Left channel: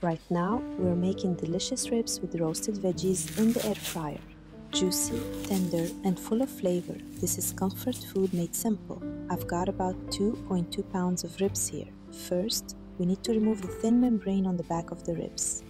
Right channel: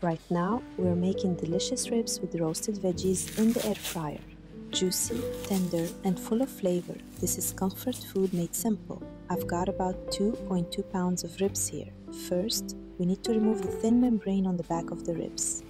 Right now, we're making delicious ribs with roasted veggies in the air fryer. Juicy, tender, and full of flavor, this is comfort food made simple. I've got about 2.2 pounds of ribs here. First, we need to remove the thin membrane on the back of the ribs.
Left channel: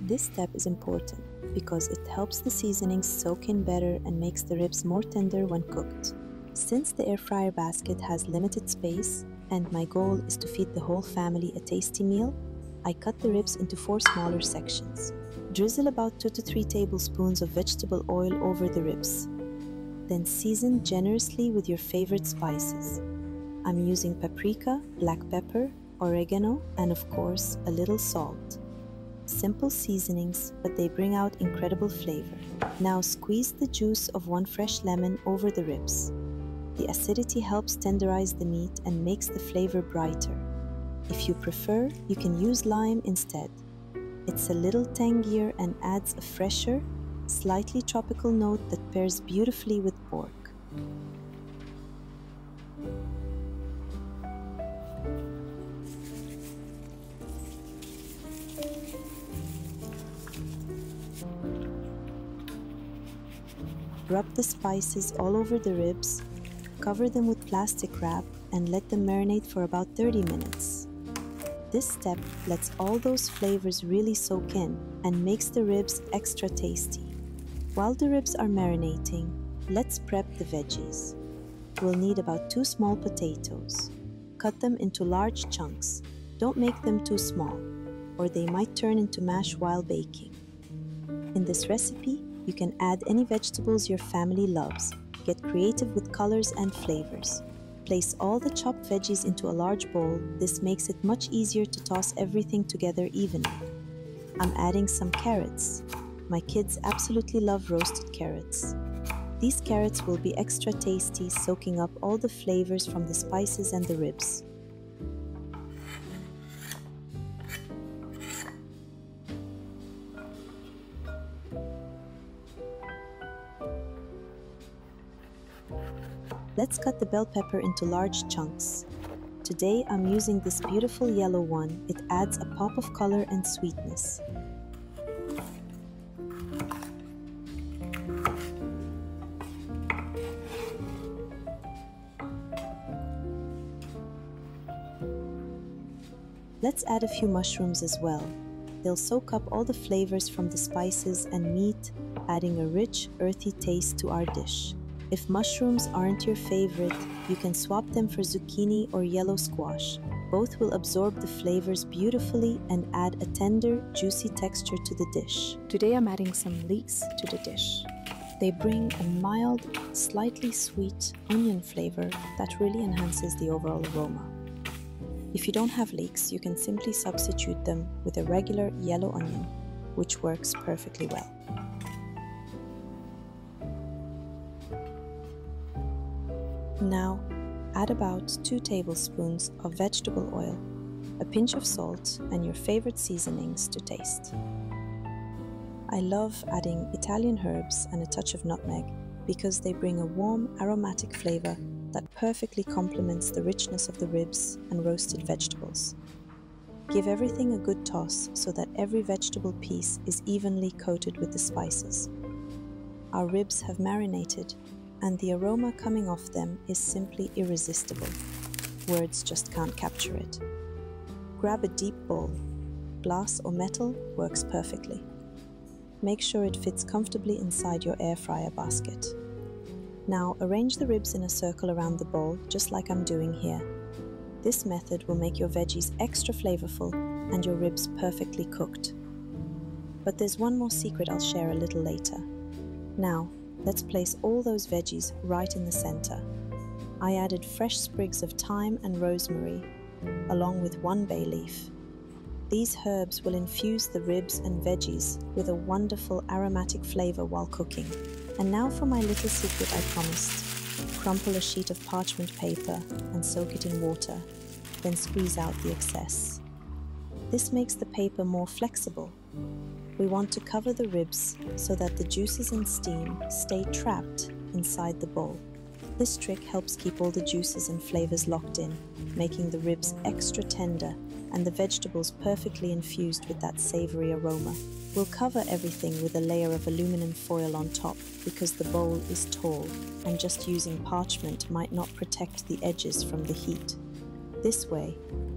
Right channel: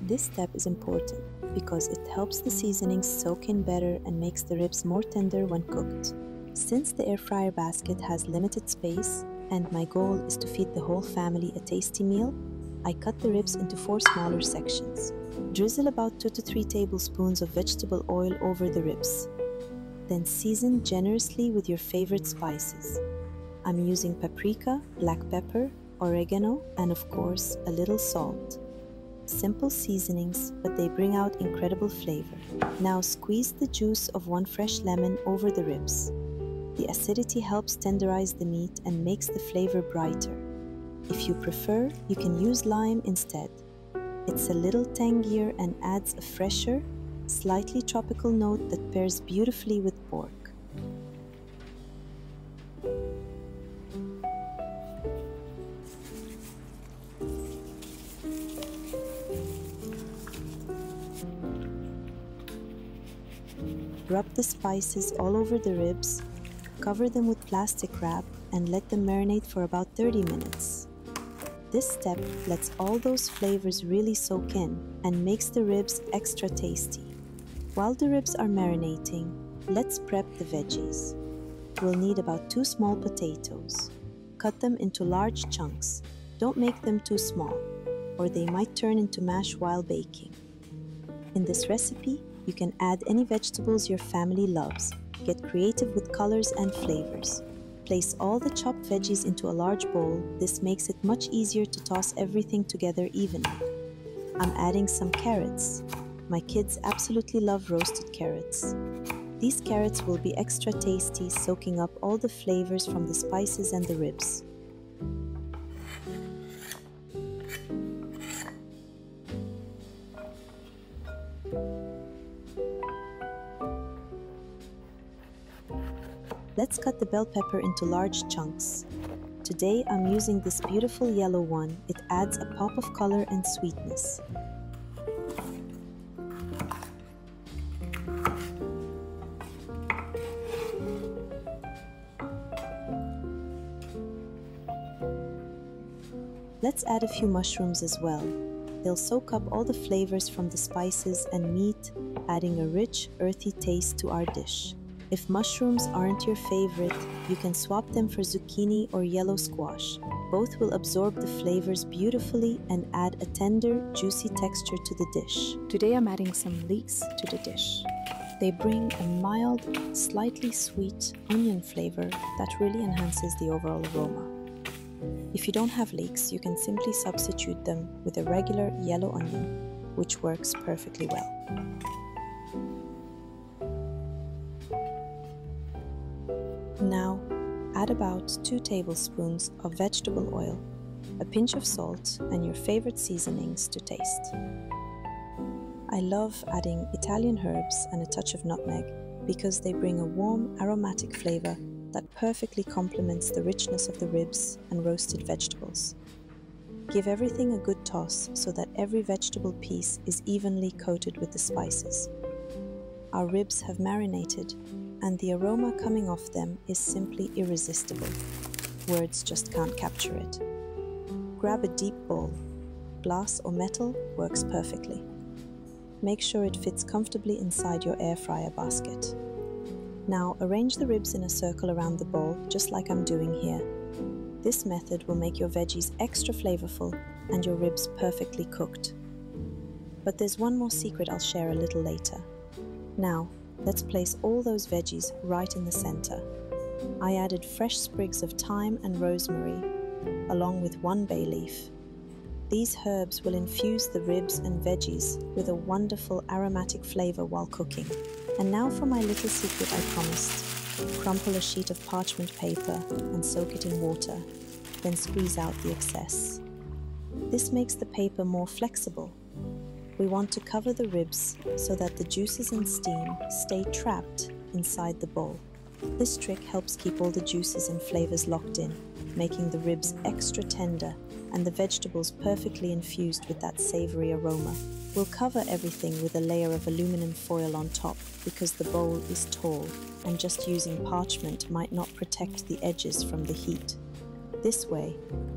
This step is important because it helps the seasonings soak in better and makes the ribs more tender when cooked. Since the air fryer basket has limited space and my goal is to feed the whole family a tasty meal, I cut the ribs into 4 smaller sections. Drizzle about 2 to 3 tablespoons of vegetable oil over the ribs. Then season generously with your favorite spices. I'm using paprika, black pepper, oregano, and of course, a little salt. Simple seasonings, but they bring out incredible flavor. Now squeeze the juice of 1 fresh lemon over the ribs. The acidity helps tenderize the meat and makes the flavor brighter. If you prefer, you can use lime instead. It's a little tangier and adds a fresher, slightly tropical note that pairs beautifully with pork. Rub the spices all over the ribs, cover them with plastic wrap, and let them marinate for about 30 minutes. This step lets all those flavors really soak in and makes the ribs extra tasty. While the ribs are marinating, let's prep the veggies. We'll need about 2 small potatoes. Cut them into large chunks. Don't make them too small, or they might turn into mash while baking. In this recipe, you can add any vegetables your family loves. Get creative with colors and flavors. Place all the chopped veggies into a large bowl. This makes it much easier to toss everything together evenly. I'm adding some carrots. My kids absolutely love roasted carrots. These carrots will be extra tasty, soaking up all the flavors from the spices and the ribs. Let's cut the bell pepper into large chunks. Today I'm using this beautiful yellow one. It adds a pop of color and sweetness. Let's add a few mushrooms as well. They'll soak up all the flavors from the spices and meat, adding a rich, earthy taste to our dish. If mushrooms aren't your favorite, you can swap them for zucchini or yellow squash. Both will absorb the flavors beautifully and add a tender, juicy texture to the dish. Today I'm adding some leeks to the dish. They bring a mild, slightly sweet onion flavor that really enhances the overall aroma. If you don't have leeks, you can simply substitute them with a regular yellow onion, which works perfectly well. Now, add about 2 tablespoons of vegetable oil, a pinch of salt, and your favorite seasonings to taste. I love adding Italian herbs and a touch of nutmeg because they bring a warm, aromatic flavor that perfectly complements the richness of the ribs and roasted vegetables. Give everything a good toss so that every vegetable piece is evenly coated with the spices. Our ribs have marinated, and the aroma coming off them is simply irresistible. Words just can't capture it. Grab a deep bowl. Glass or metal works perfectly. Make sure it fits comfortably inside your air fryer basket. Now arrange the ribs in a circle around the bowl, just like I'm doing here. This method will make your veggies extra flavorful and your ribs perfectly cooked. But there's one more secret I'll share a little later. Now, let's place all those veggies right in the center. I added fresh sprigs of thyme and rosemary, along with 1 bay leaf. These herbs will infuse the ribs and veggies with a wonderful aromatic flavor while cooking. And now for my little secret I promised. Crumple a sheet of parchment paper and soak it in water, then squeeze out the excess. This makes the paper more flexible. We want to cover the ribs so that the juices and steam stay trapped inside the bowl. This trick helps keep all the juices and flavors locked in, making the ribs extra tender and the vegetables perfectly infused with that savory aroma. We'll cover everything with a layer of aluminum foil on top because the bowl is tall and just using parchment might not protect the edges from the heat. This way,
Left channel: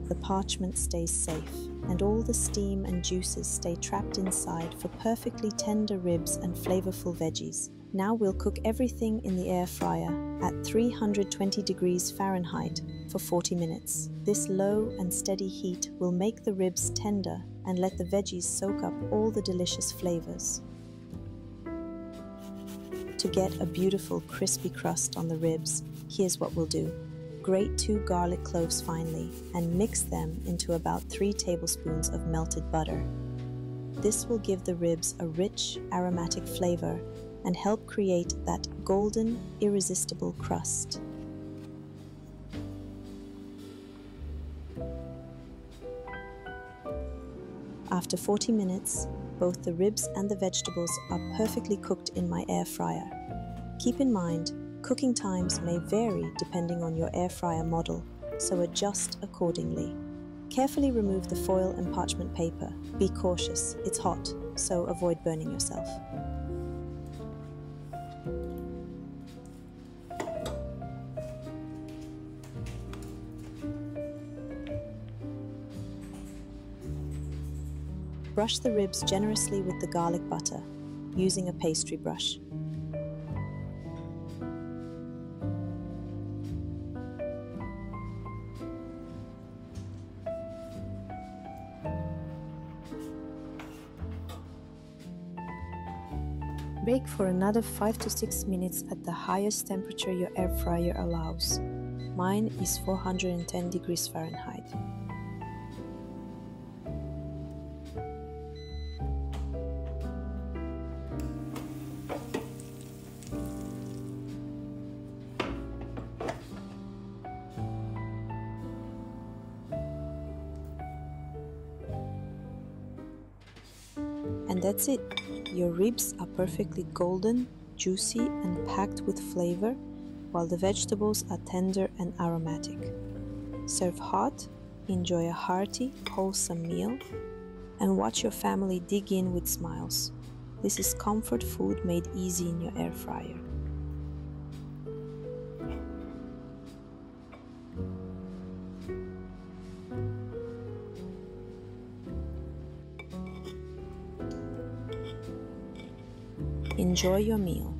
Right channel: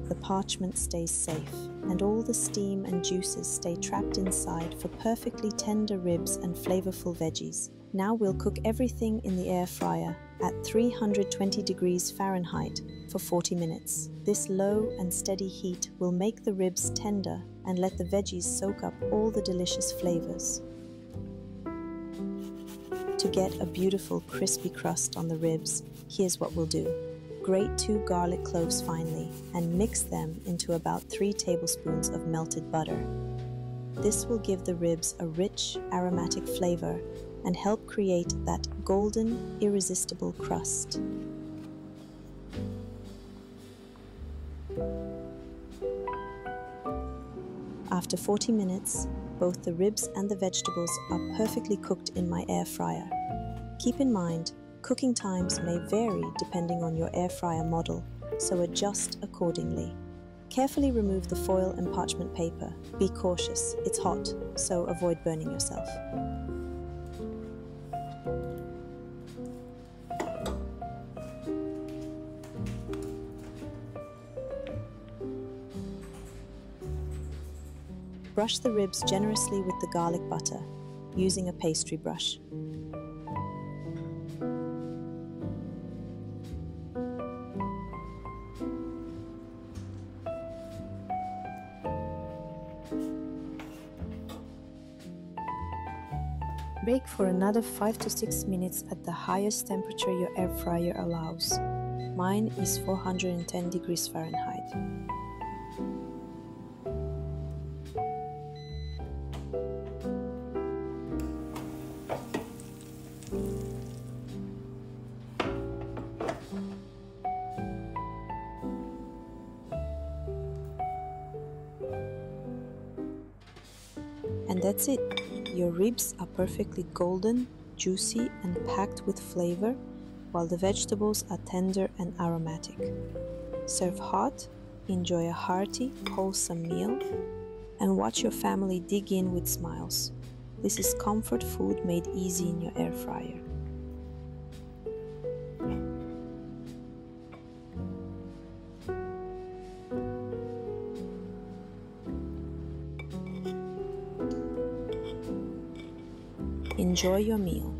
the parchment stays safe and all the steam and juices stay trapped inside for perfectly tender ribs and flavorful veggies. Now we'll cook everything in the air fryer at 320 degrees Fahrenheit for 40 minutes. This low and steady heat will make the ribs tender and let the veggies soak up all the delicious flavors. To get a beautiful crispy crust on the ribs, here's what we'll do. Grate 2 garlic cloves finely and mix them into about 3 tablespoons of melted butter. This will give the ribs a rich, aromatic flavor and help create that golden, irresistible crust. After 40 minutes, both the ribs and the vegetables are perfectly cooked in my air fryer. Keep in mind, cooking times may vary depending on your air fryer model, so adjust accordingly. Carefully remove the foil and parchment paper. Be cautious, it's hot, so avoid burning yourself. Brush the ribs generously with the garlic butter, using a pastry brush. Bake for another 5 to 6 minutes at the highest temperature your air fryer allows. Mine is 410 degrees Fahrenheit. And that's it. Your ribs are perfectly golden, juicy and packed with flavor, while the vegetables are tender and aromatic. Serve hot, enjoy a hearty, wholesome meal, and watch your family dig in with smiles. This is comfort food made easy in your air fryer. Enjoy your meal.